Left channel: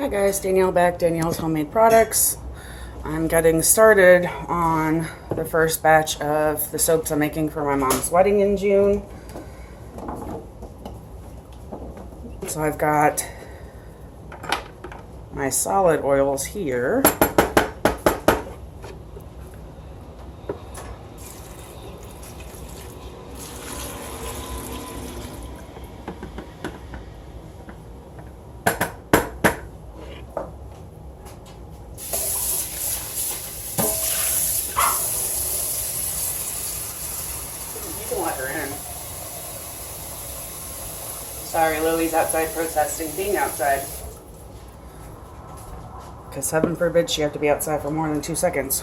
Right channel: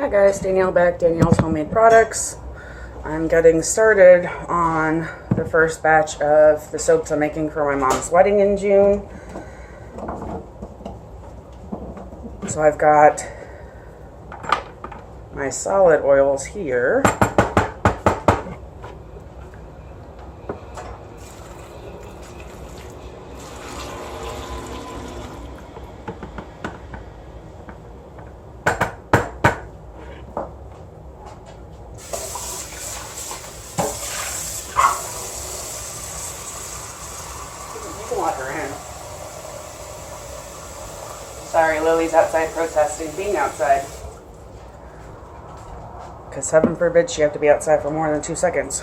Hi guys, Danielle back, Danielle's Homemade Products. I'm getting started on the first batch of the soaps I'm making for my mom's wedding in June. So I've got my solid oils here. You can let her in. Sorry, Lily's outside protesting being outside. Because heaven forbid she have to be outside for more than 2 seconds.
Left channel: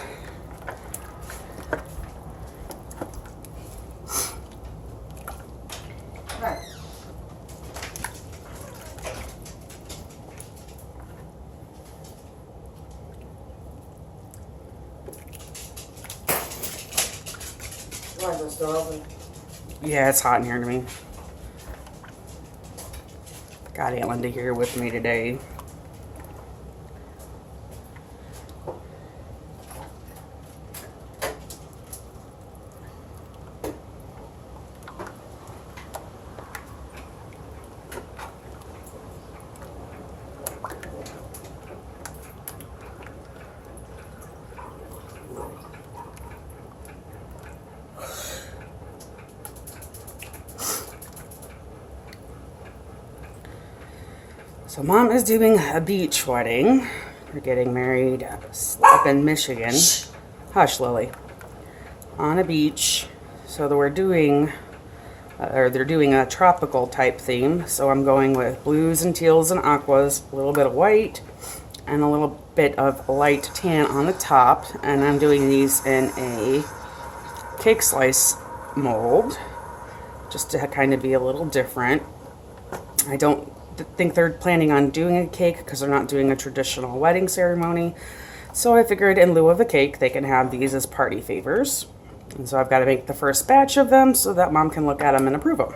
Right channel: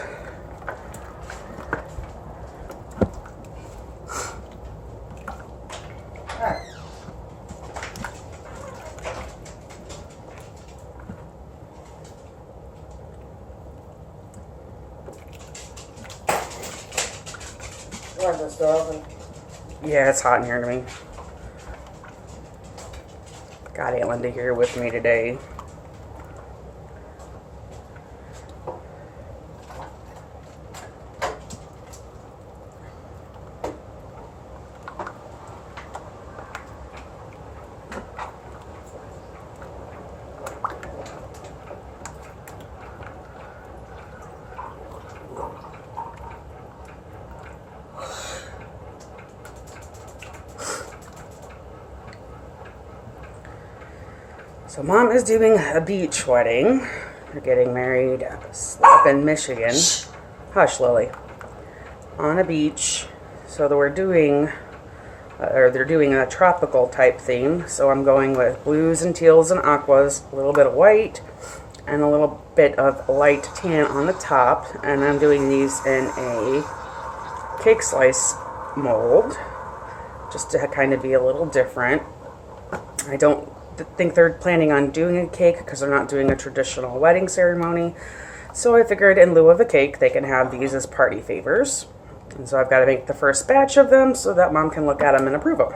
Alright. Is it still open? Yeah, it's hot in here to me. Got Aunt Linda here with me today. So Mom is doing a beach wedding. They're getting married up in Michigan. Hush, Lily. On a beach. So we're doing, they're doing a tropical type theme. So I'm going with blues and teals and aquas, a little bit of white, and a little bit of light tan on the top. And I'm doing these in a cake slice mold, just to kind of be a little different. I don't think they're planning on doing a cake because they're not doing a traditional wedding ceremony. So I figured in lieu of a cake, they can have these as party favors. And so I've got to make the first batch of them so that Mom can look at them and approve them.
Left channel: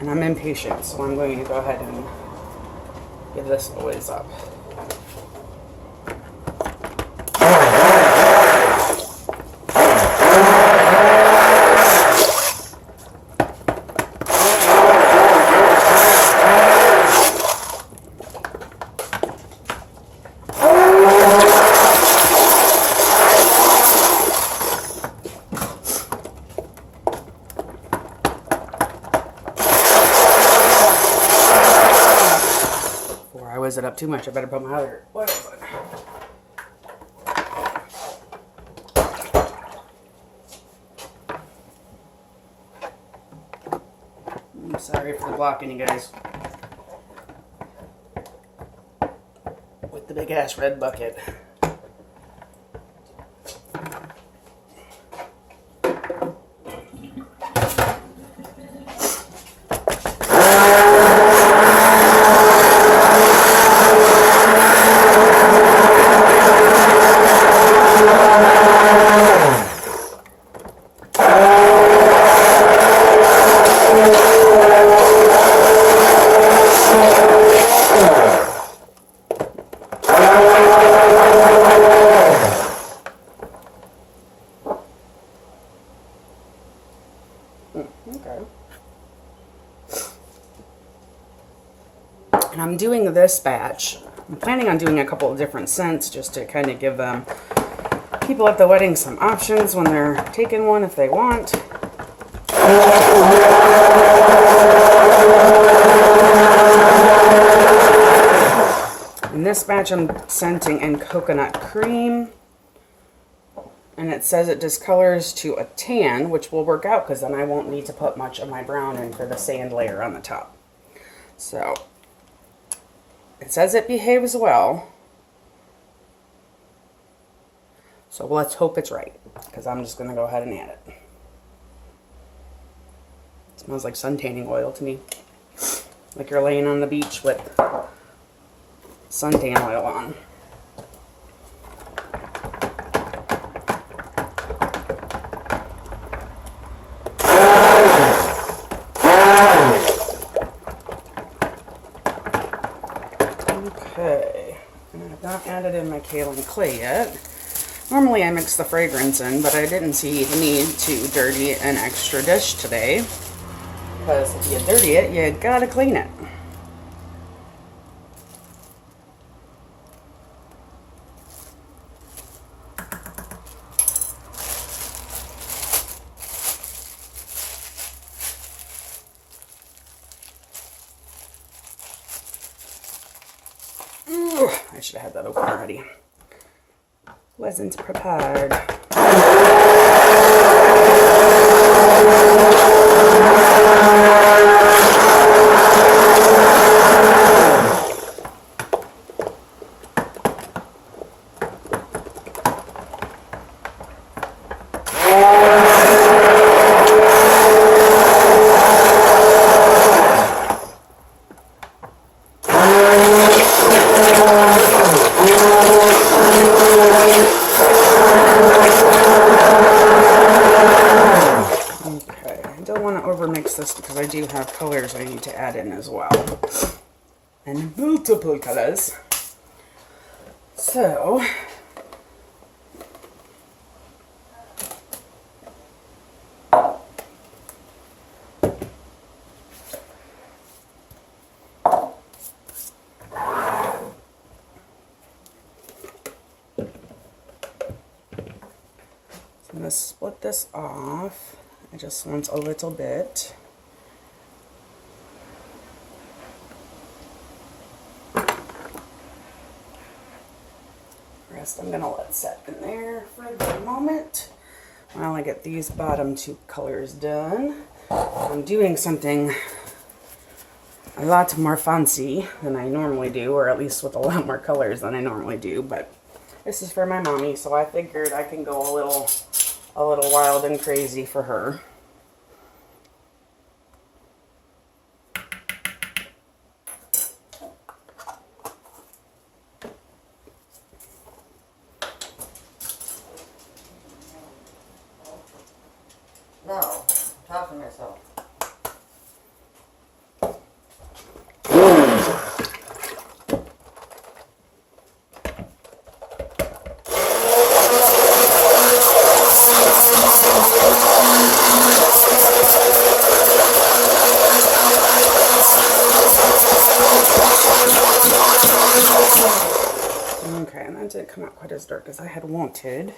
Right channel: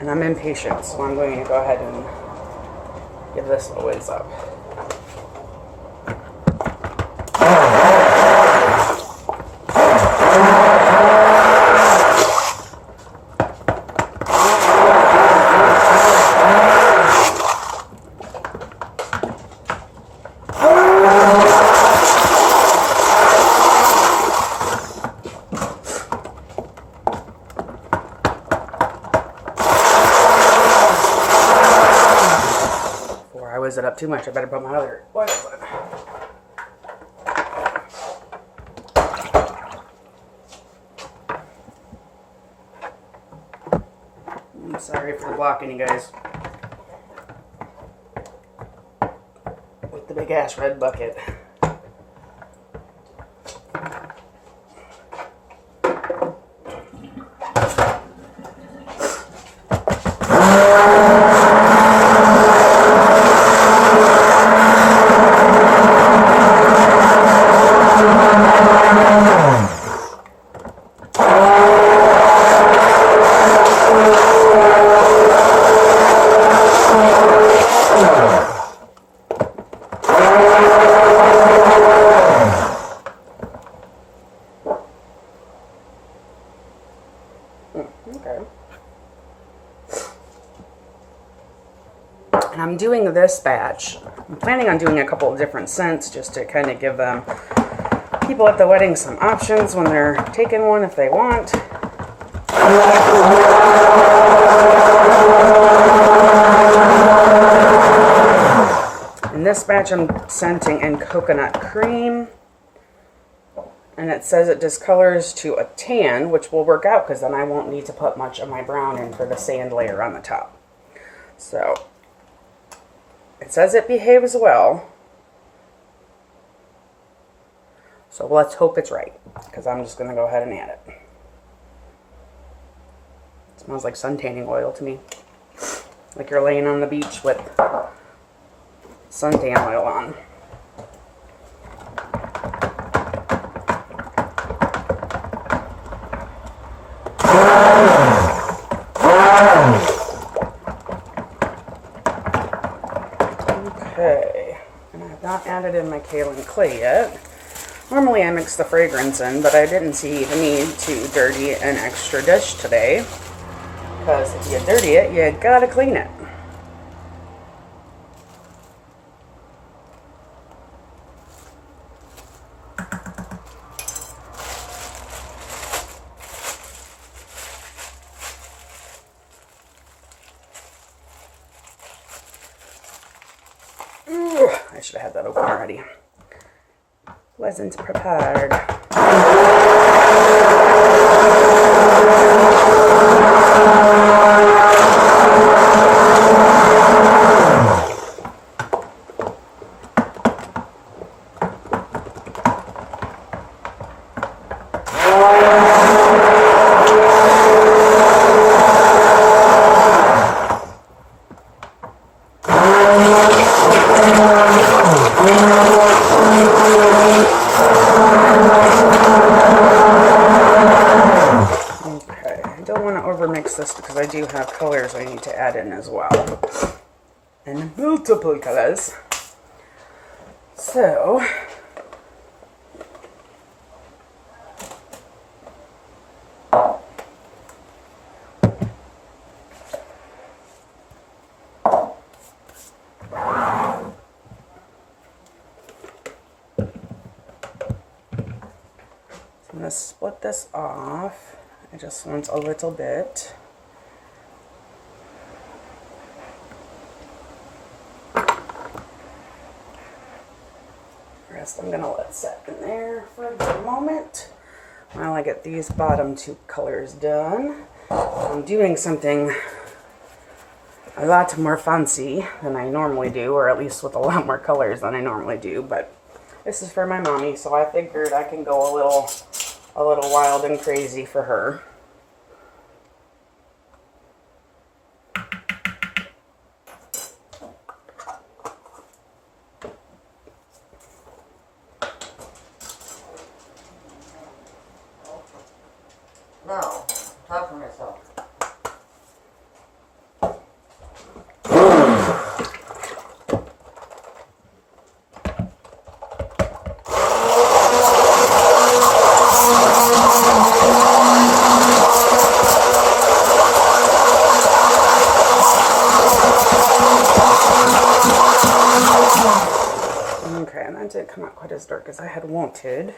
And I'm impatient, so I'm going to go ahead and give this a whiz up. Is it up too much? I better put my other oils on. I'm sorry for the blocking, you guys. With the big ass red bucket. Okay. And I'm doing this batch. I'm planning on doing a couple of different scents just to kind of give people at the wedding some options when they're taking one if they want. In this batch I'm scenting in coconut cream. And it says it discolors to a tan, which will work out because then I won't need to put much of my brown in for the sand layer on the top. So, it says it behaves well. So let's hope it's right, because I'm just going to go ahead and add it. It smells like sun tanning oil to me. Like you're laying on the beach with suntan oil on. kaolin clay yet. Normally I mix the fragrance in, but I didn't see the need to dirty an extra dish today. Because if you dirty it, you gotta clean it. Ooh, I should have had that open already. Wasn't prepared. This because I do have colors I need to add in as well, and multiple colors. So I'm going to split this off. I just want a little bit. The rest I'm going to let set in there for a moment while I get these bottom two colors done. I'm doing something a lot more fancy than I normally do, or at least with a lot more colors than I normally do, but this is for my mommy, so I figured I can go a little wild and crazy for her. No, talk to myself. Okay, and that didn't come out quite as dark as I had wanted.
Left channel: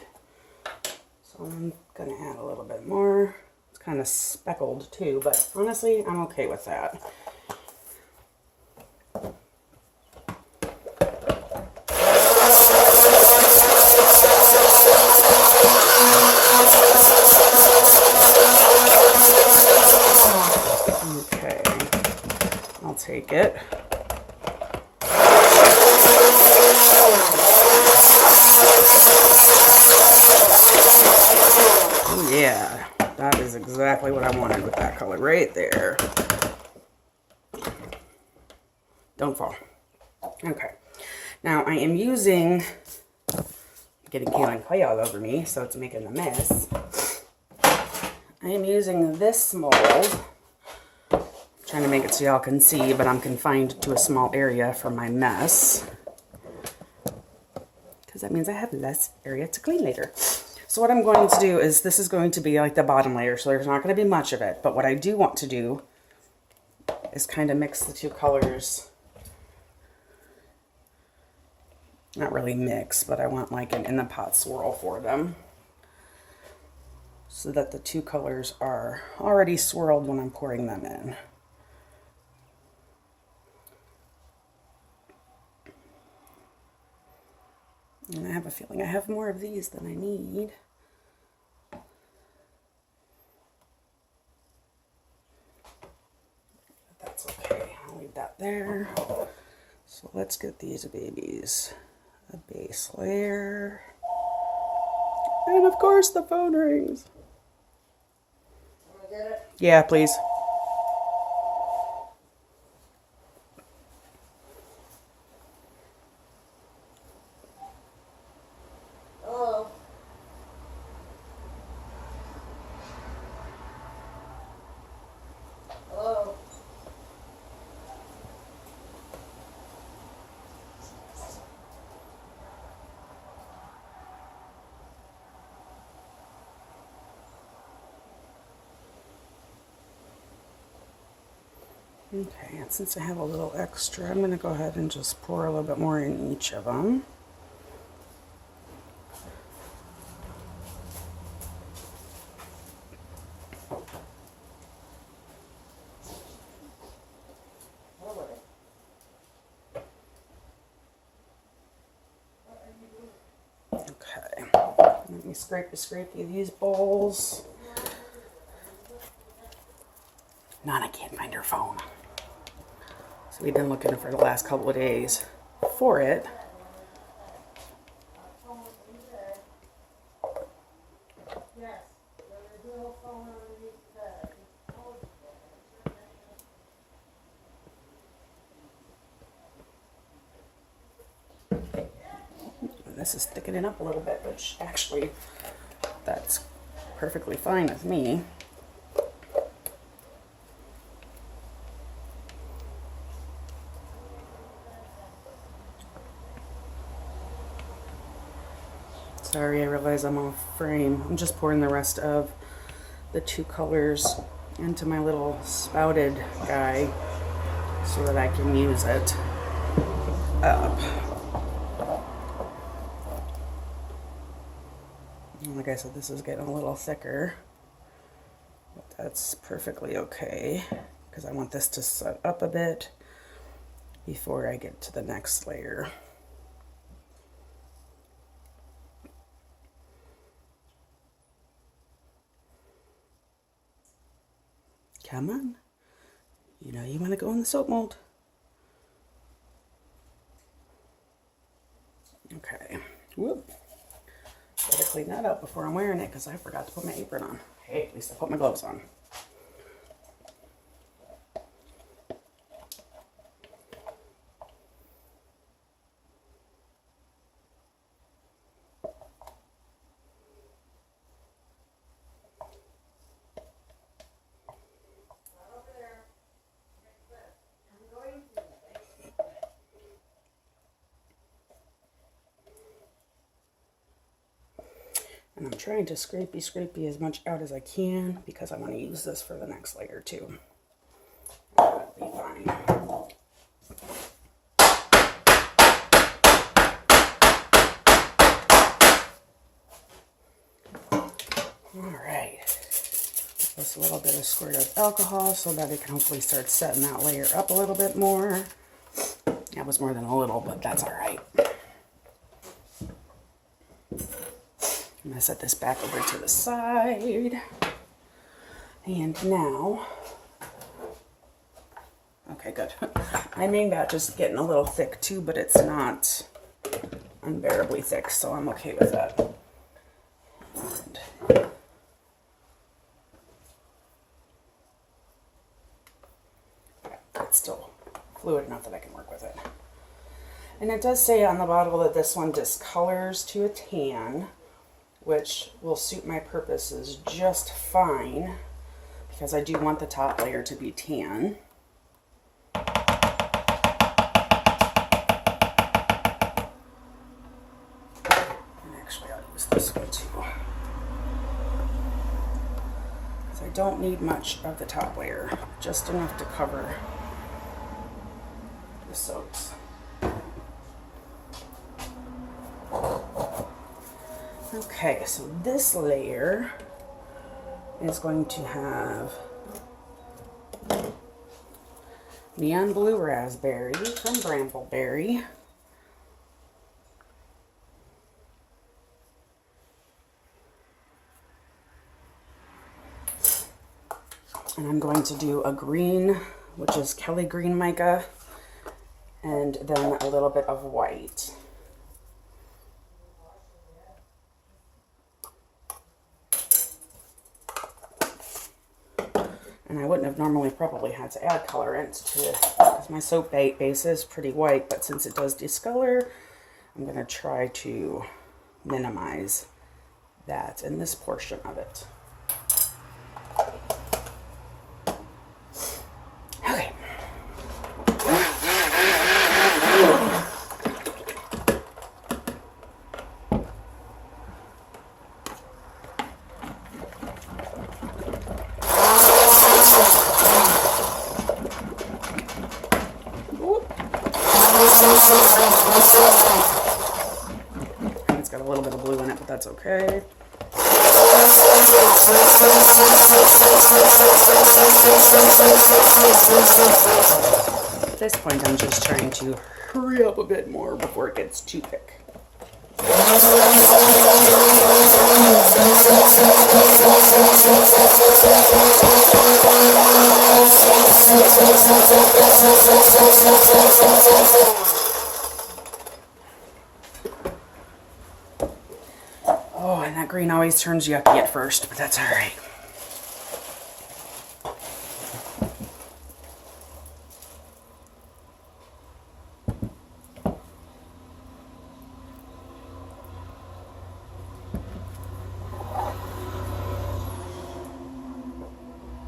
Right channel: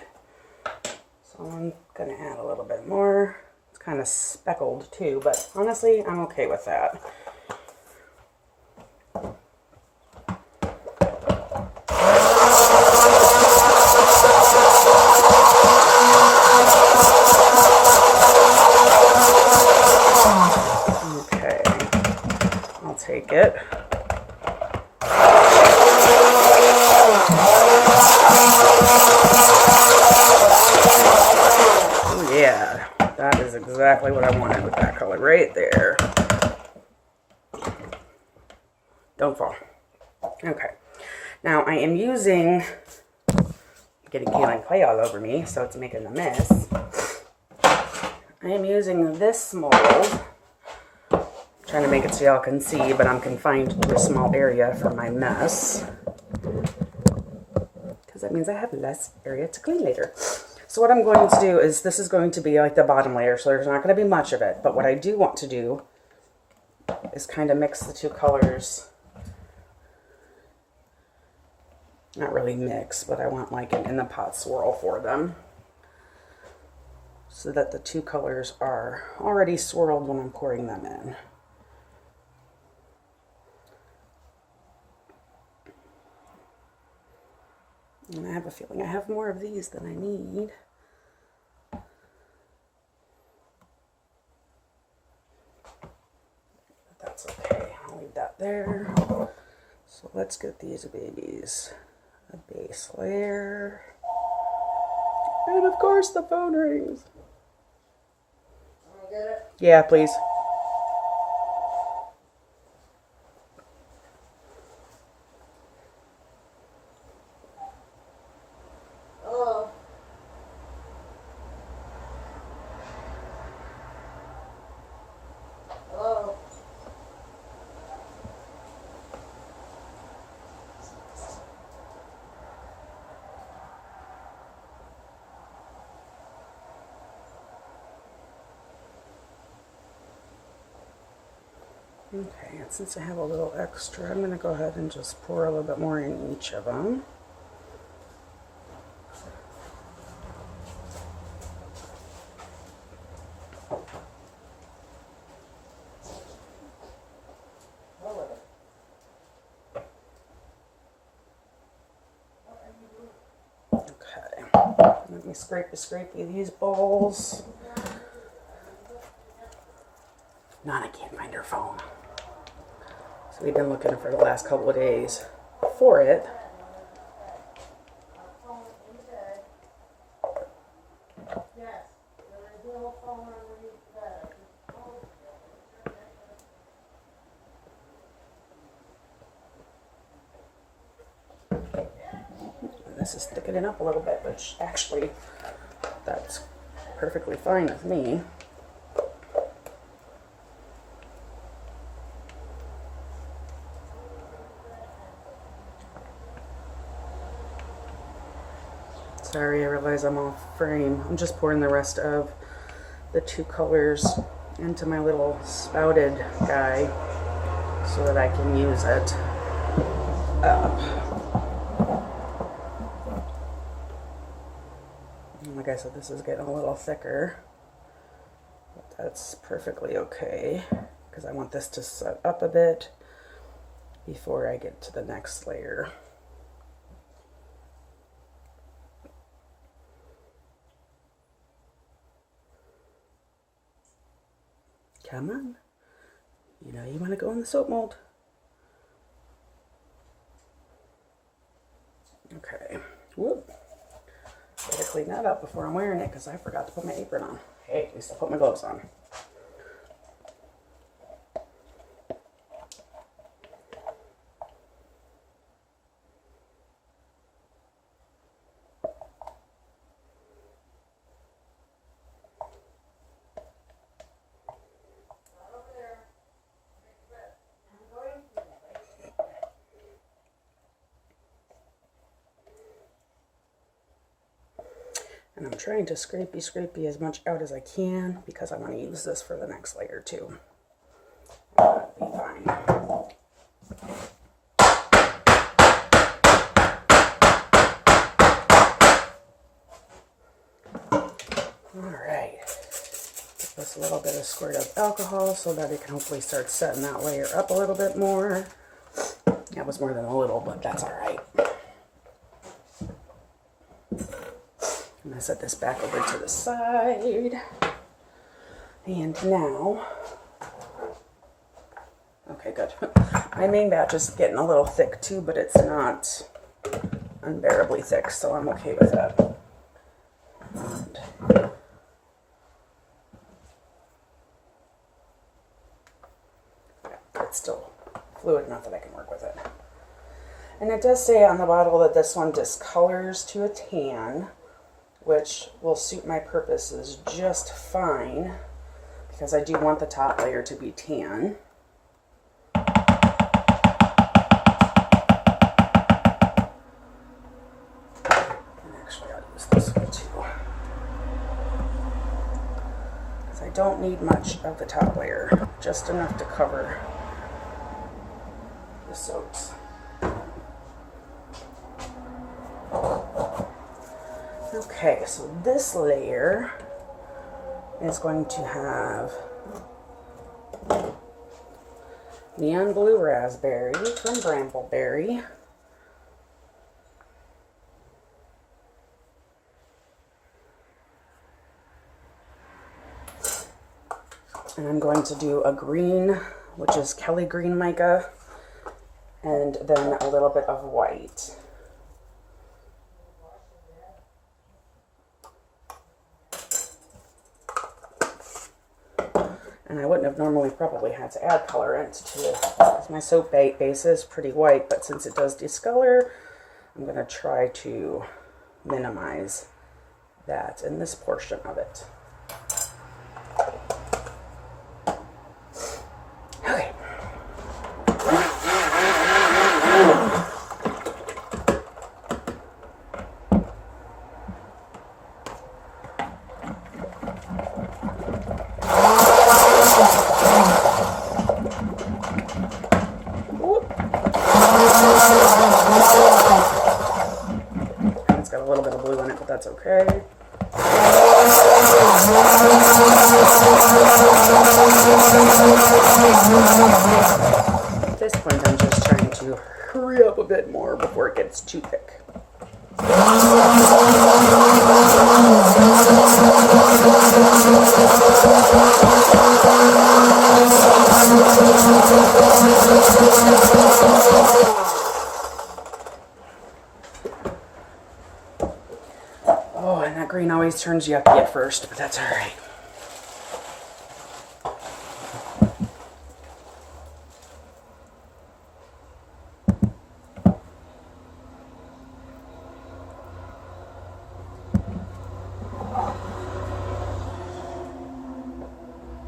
So I'm gonna add a little bit more. It's kind of speckled too, but honestly, I'm okay with that. Okay, I'll take it. Yeah, that is exactly what I wanted with that color right there. Don't fall. Okay, now I am using, getting kaolin clay all over me, so it's making a mess. I am using this mold, trying to make it so y'all can see, but I'm confined to a small area for my mess, because that means I have less area to clean later. So what I'm going to do is, this is going to be like the bottom layer, so there's not going to be much of it. But what I do want to do is kind of mix the two colors. Not really mix, but I want like an in the pot swirl for them, so that the two colors are already swirled when I'm pouring them in. And I have a feeling I have more of these than I need. But that's okay. I'll leave that there. So let's get these babies a base layer. And of course the phone rings. Want to get it? Yeah, please. Hello? Hello? Okay, and since I have a little extra, I'm going to go ahead and just pour a little bit more in each of them. Okay, let me scrape these bowls. Nana can't find her phone. So we've been looking for the last couple of days for it. This is thickening up a little bit, which actually that's perfectly fine with me. Sorry, I realize I'm off frame. I'm just pouring the rest of the 2 colors into my little spouted guy so that I can use it up. And like I said, this is getting a little thicker, but that's perfectly okay because I want this to set up a bit before I get to the next layer. Come on. You know you want to go in the soap mold. Okay. Whoop. Gotta clean that up before I'm wearing it because I forgot to put my apron on. Hey, at least I put my gloves on. And I'm trying to scrapey as much out as I can because I want to use this for the next layer too. That'll be fine. Alright. Give this a little bit of squirt of alcohol so that it can hopefully start setting that layer up a little bit more. That was more than a little, but that's alright. I'm going to set this back over to the side. And now, okay, good. My main batch is getting a little thick too, but it's not unbearably thick, so I'm okay with that. And it's still fluid enough that I can work with it. And it does say on the bottle that this one discolors to a tan, which will suit my purposes just fine because I do want the top layer to be tan. And actually I'll use this one too. Because I don't need much of the top layer, just enough to cover the soaps. Okay, so this layer is going to have Neon Blue Raspberry from Brambleberry, and I'm going to do a green, which is Kelly Green Mica, and then a little bit of white. And I wouldn't have normally probably had to add colorant to it because my soap base is pretty white, but since it does discolor, I'm going to try to minimize that in this portion of it. Okay. a little bit of blue in it, but that's okay. At this point, I'm just trying to hurry up a bit more before it gets too thick. Oh, and that green always turns yucky at first, but that's all right.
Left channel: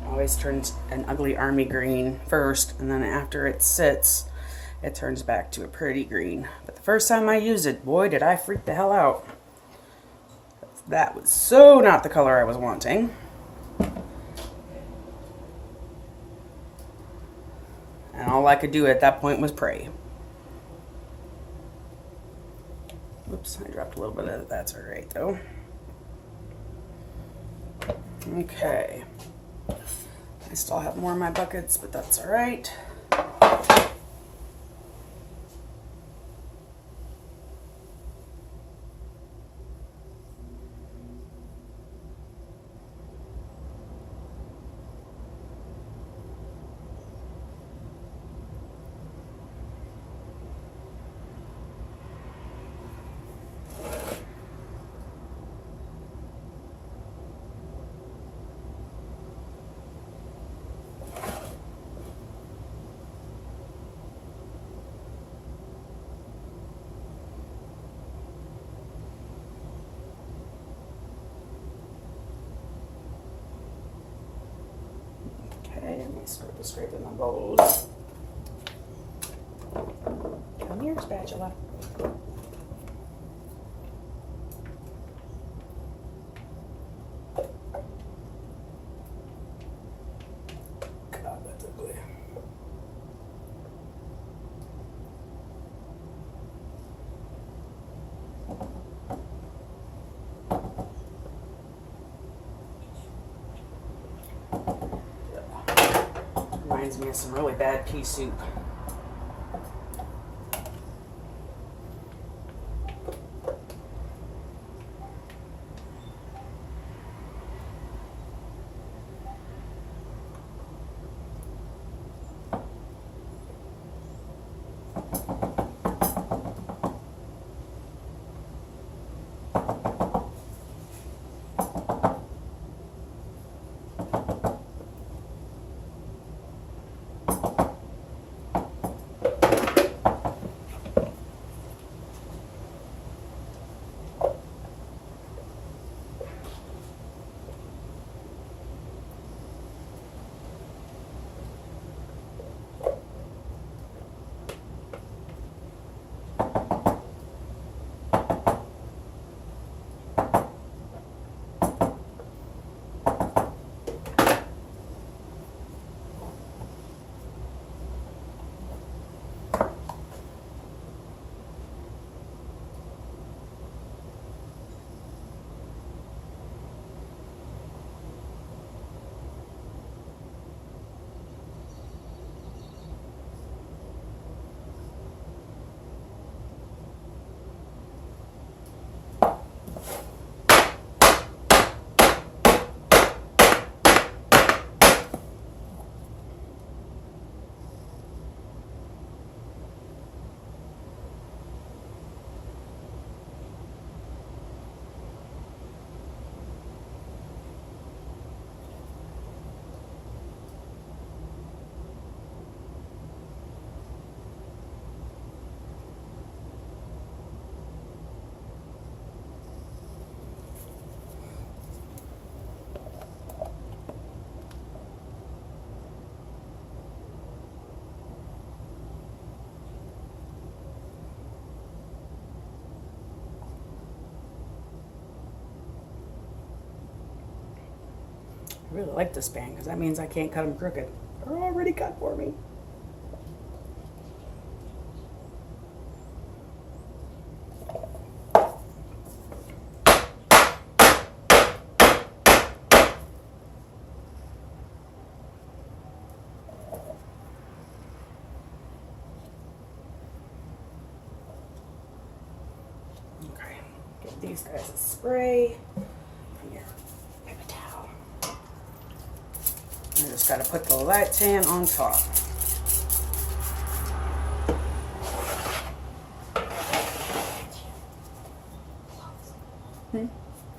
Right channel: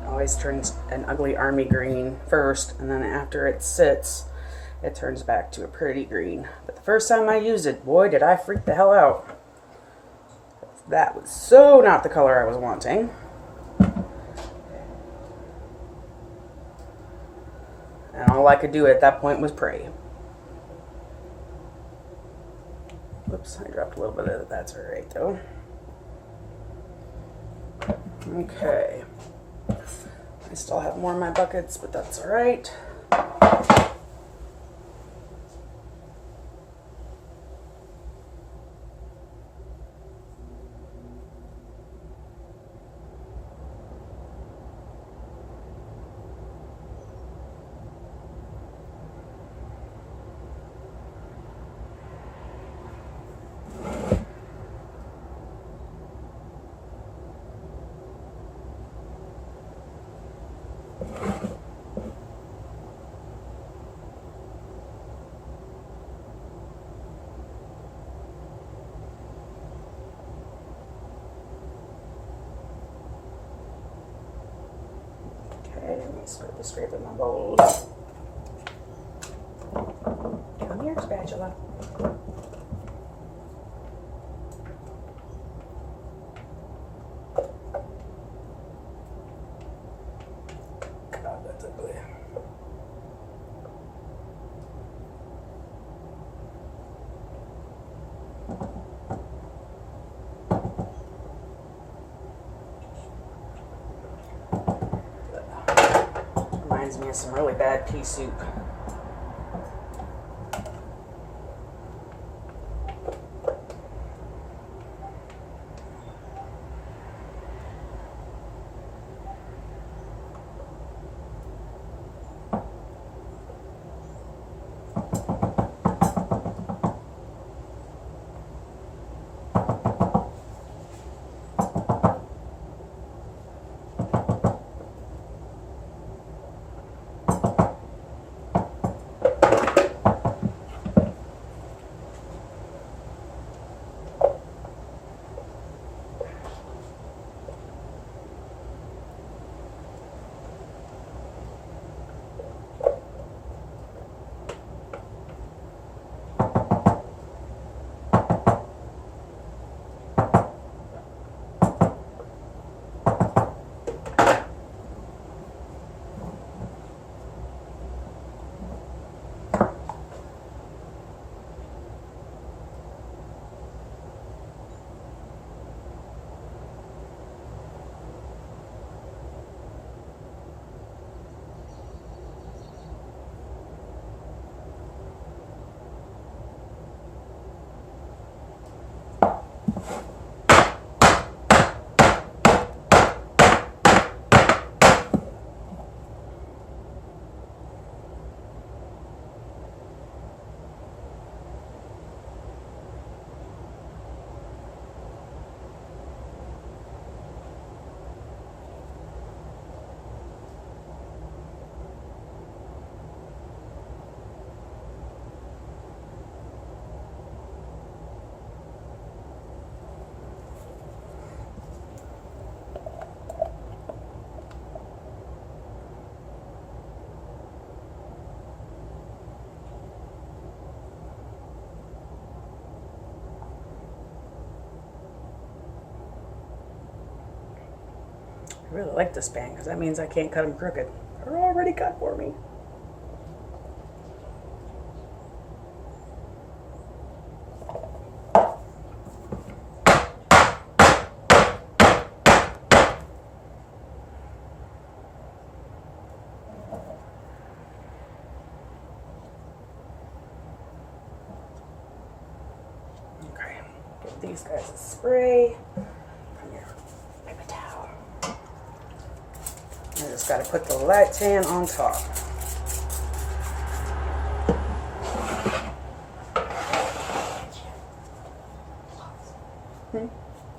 Always turns an ugly army green first, and then after it sits, it turns back to a pretty green. But the first time I used it, boy, did I freak the hell out. That was so not the color I was wanting. And all I could do at that point was pray. Oops, I dropped a little bit of it. That's all right, though. Okay. I still have more in my buckets, but that's all right. Start to scraping my bowls. Come here, spatula. God, that's ugly. Reminds me of some really bad pea soup. I really like this span because that means I can't cut them crooked. They're already cut for me. these guys a spray. Here, paper towel. I just got to put the light tan on top.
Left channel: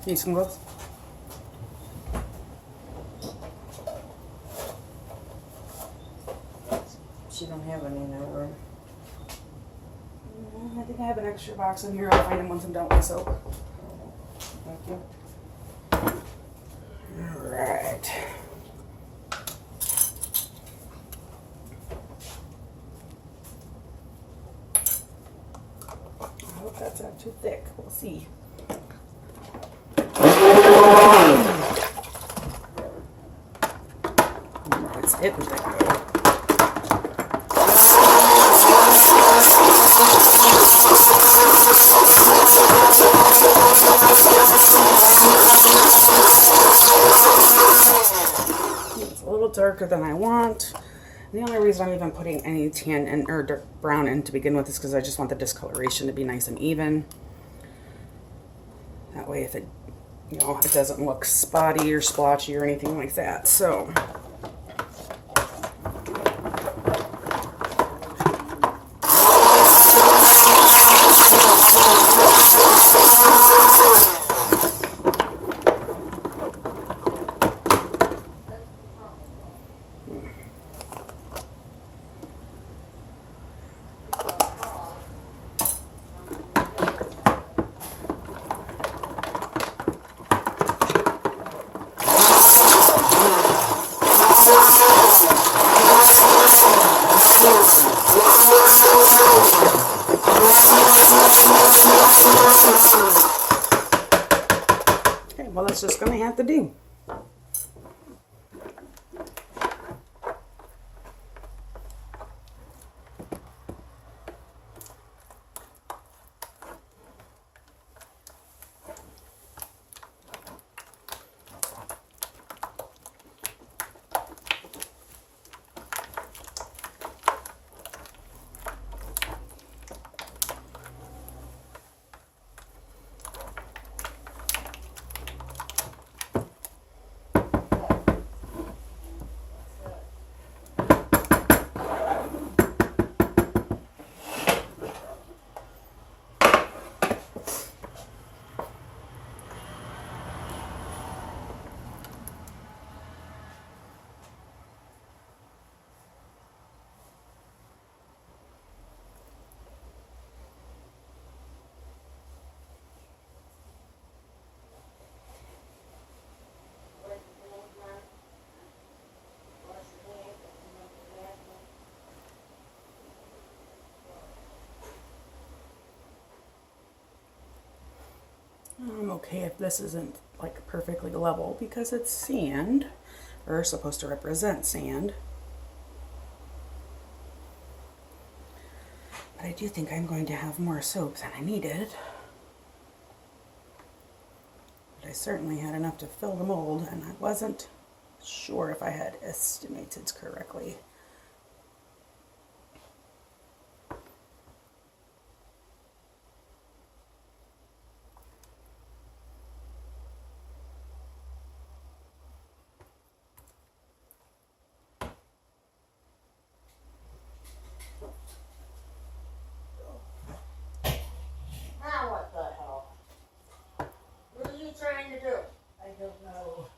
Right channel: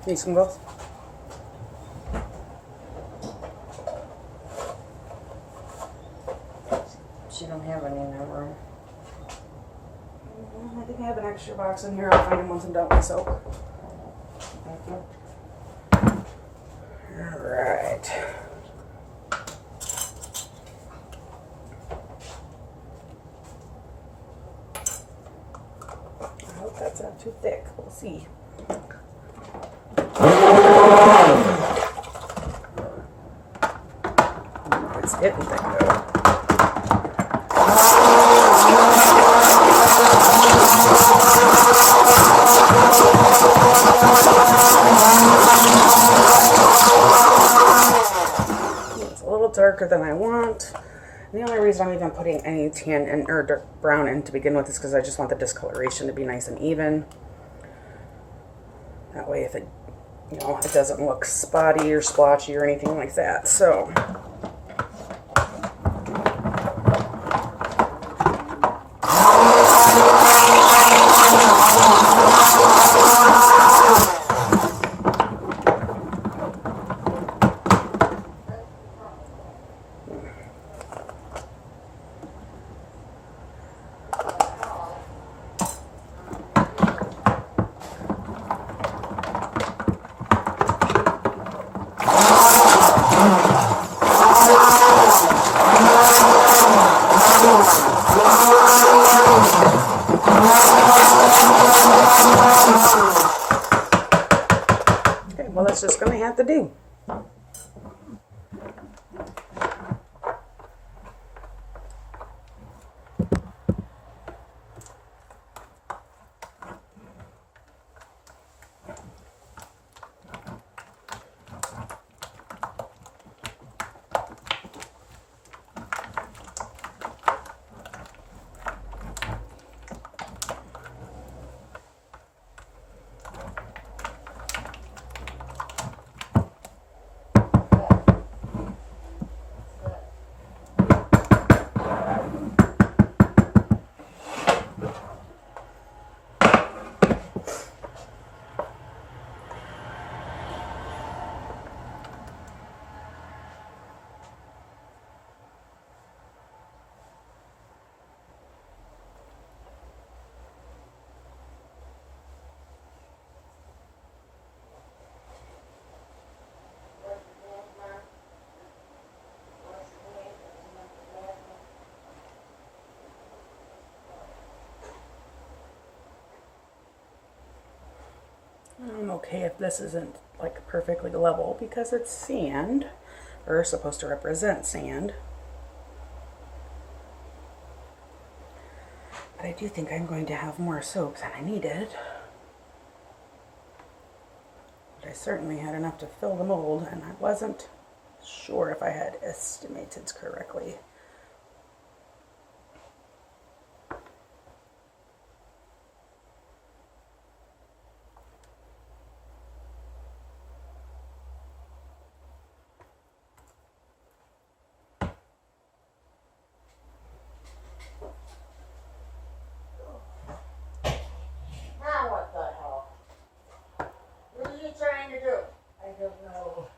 Need some gloves? She don't have any in her room. I think I have an extra box in here. I'll find them once I'm done with my soap. Thank you. Alright. I hope that's not too thick. We'll see. It's getting thick though. It's a little darker than I want. The only reason I'm even putting any tan in, or dark brown in to begin with is because I just want the discoloration to be nice and even. That way if it, you know, it doesn't look spotty or splotchy or anything like that. So okay, well that's just gonna have to do. I'm okay if this isn't like perfectly level because it's sand, or supposed to represent sand. But I do think I'm going to have more soap than I needed. But I certainly had enough to fill the mold, and I wasn't sure if I had estimated correctly. Now what the hell? What are you trying to do? I don't know.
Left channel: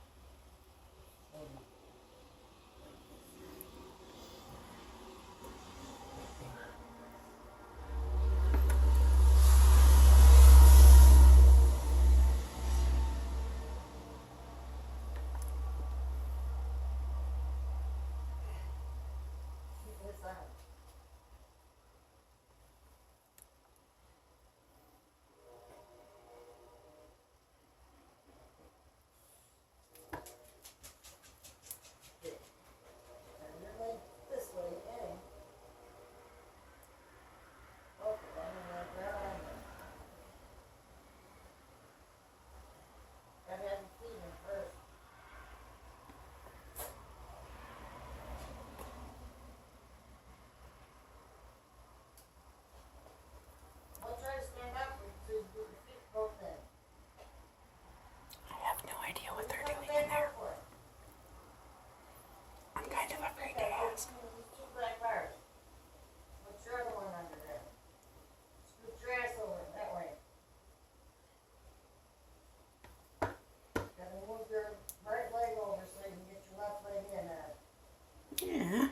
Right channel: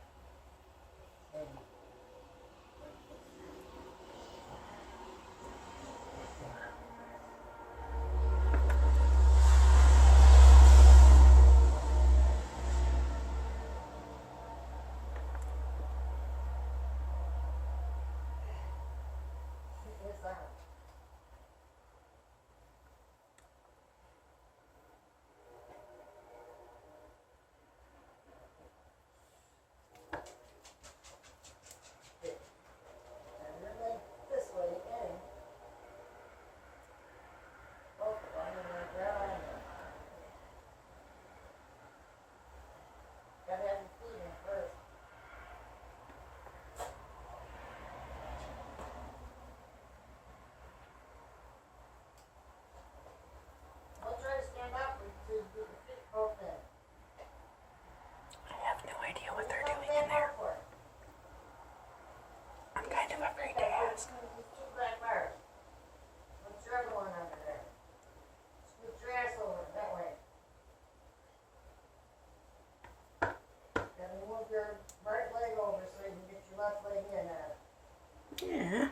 Yeah.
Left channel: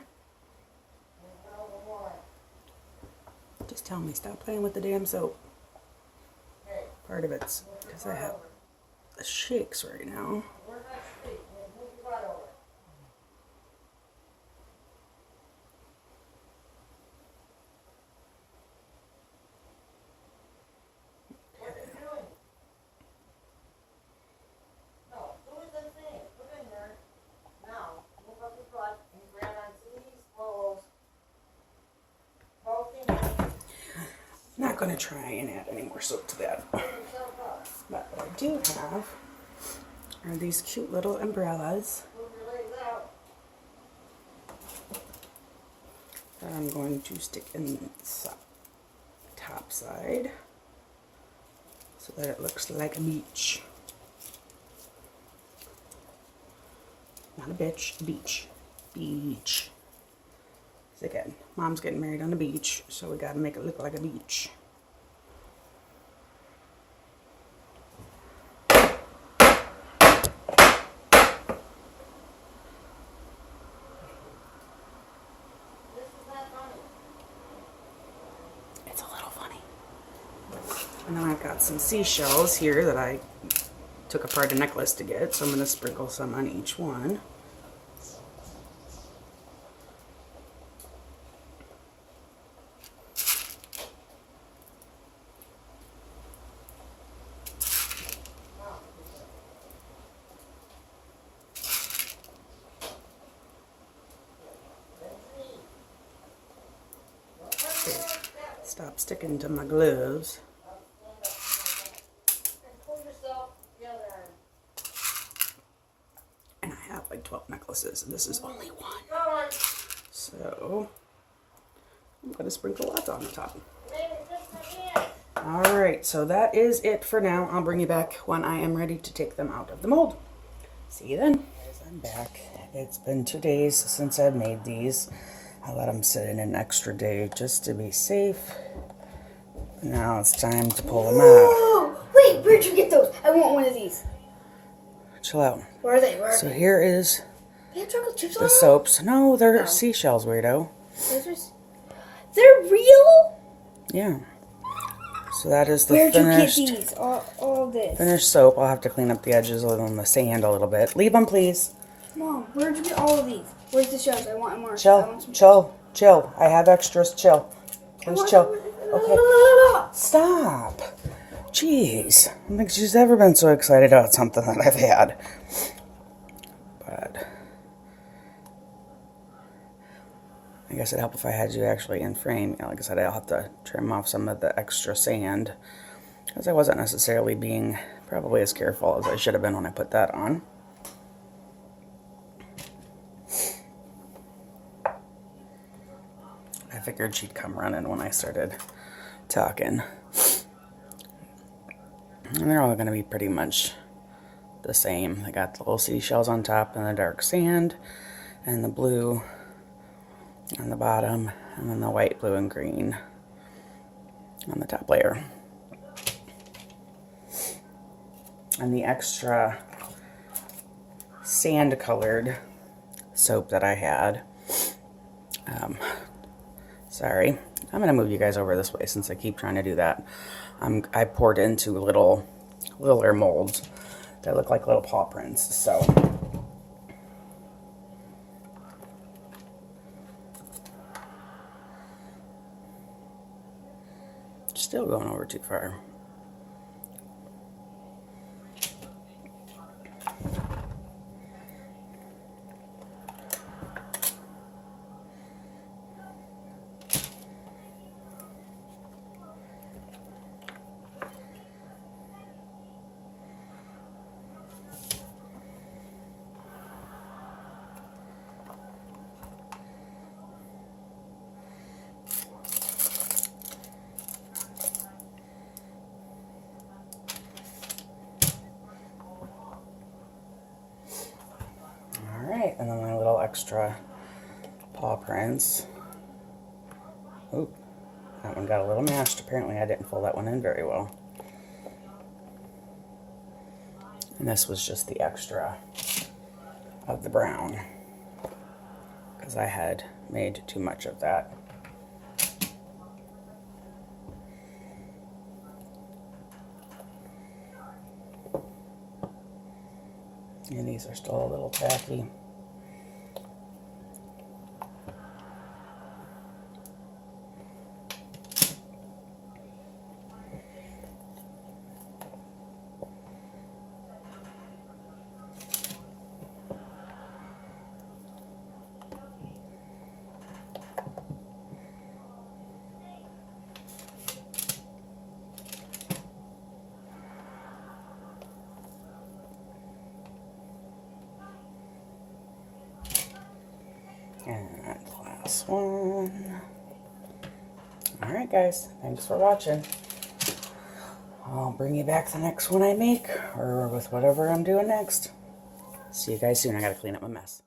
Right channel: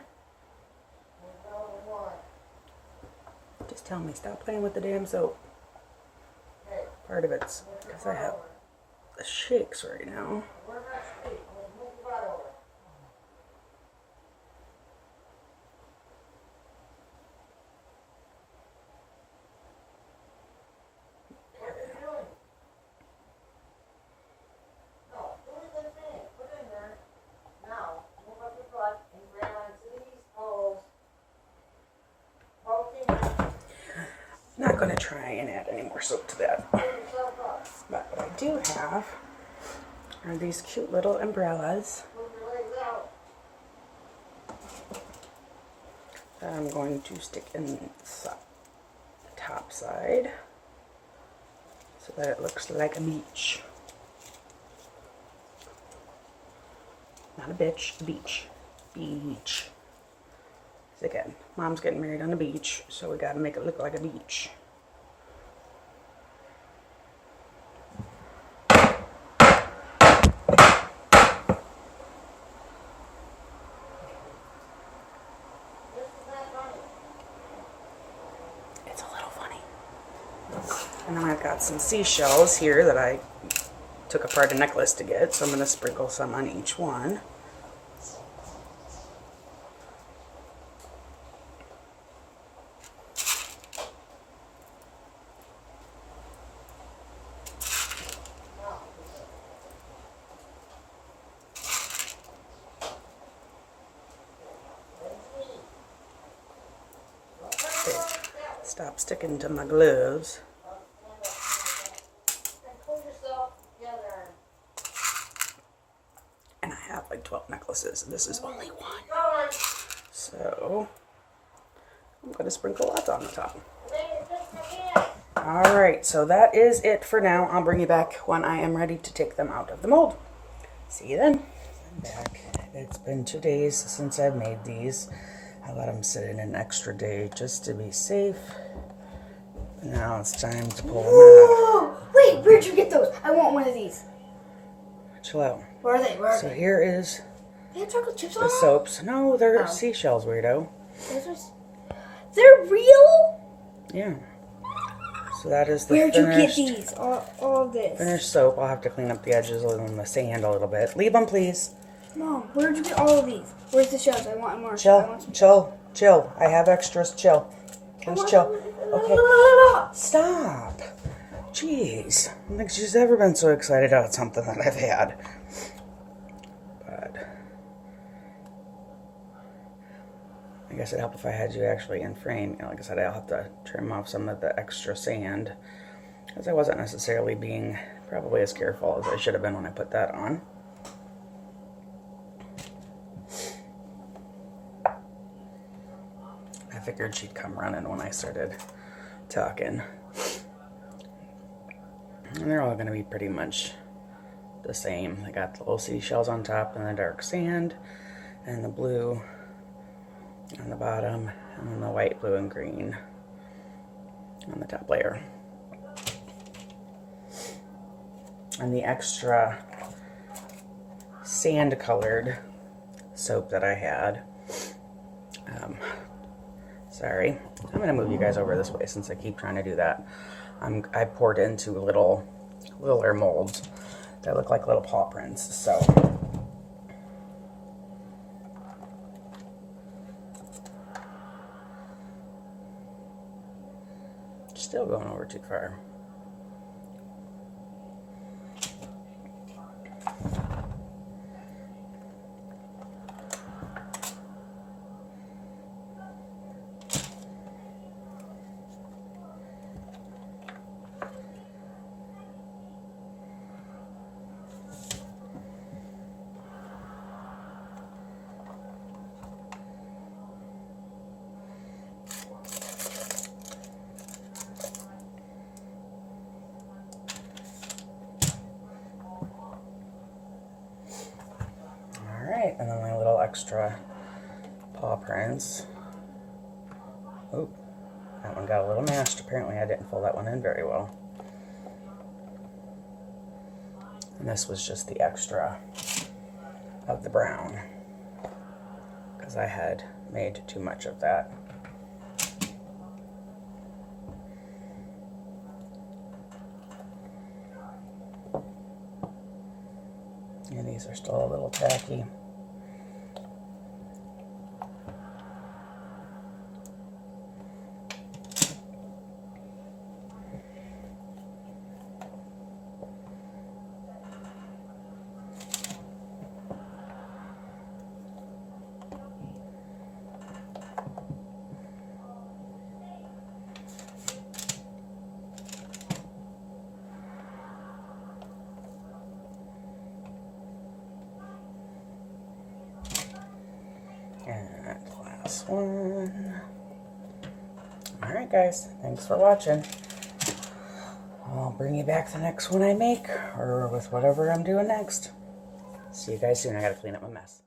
Just tell me, stop playing with the damn soap. Part of it's because I have the shakes right now. Not going to try and add any more soap to that. But what I do have are these cute little umbrellas that I'm going to stick in the top side so that it looks like a beach. Not a bitch, a beach. Beach. Again, Mom's getting married on the beach, so we gotta make it look like a beach. It's a little funny. And then I've got some seashells here that I took apart a necklace to get, so I'm gonna sprinkle some on each one. Stop sticking to my gloves. And I have like 12 necklaces, and this is only one. So I'm going to sprinkle lots on the top. Alright, so that is it for now. I'll bring you back when I am ready to take them out of the mold. See you then. I'm back. It's been 2 days since I've made these. I let them sit in an extra day just to be safe. Now it's time to pull them out. Wait, where'd you get those? I want one of these. Chill out. Where are they? So here is They have chocolate chips on the them? soaps. No, they're seashells, weirdo. They're real? Yeah. So that is the Where'd you get finished, these? All this. finished soap. I'll have to clean up the edges on the sand a little bit. Leave them, please. Mom, where'd you get all of these? Where's the shells? I want more. I Chill, want some. chill. I have extras. Chill. Just chill. Okay. Stop. Jeez. I don't think she's ever been so excited about something that I've had. But I guess it'd help if I had you actually in frame. You know, like I said, I'll have to trim off some of the extra sand, because I wasn't necessarily being probably as careful as I should have been when I put that on. I figured she'd come running when I started talking. And they're all going to be pretty much the same. They got the little seashells on top and the dark sand and the blue on the bottom, and then the white, blue, and green on the top layer. And the extra sand colored soap that I had, sorry, I'm going to move you guys over this way since I keep trying to do that. I poured into littler molds that look like little paw prints. So still going over too far. And then my little extra paw prints. Oh, that one got a little mashed. Apparently I didn't fold that one in very well. And this was just the extra of the brown. because I had made too much of that. And these are still a little tacky. And last one. Alright guys, thanks for watching. I'll bring you back the next one I make, or with whatever I'm doing next. See you guys soon. I gotta clean up my mess.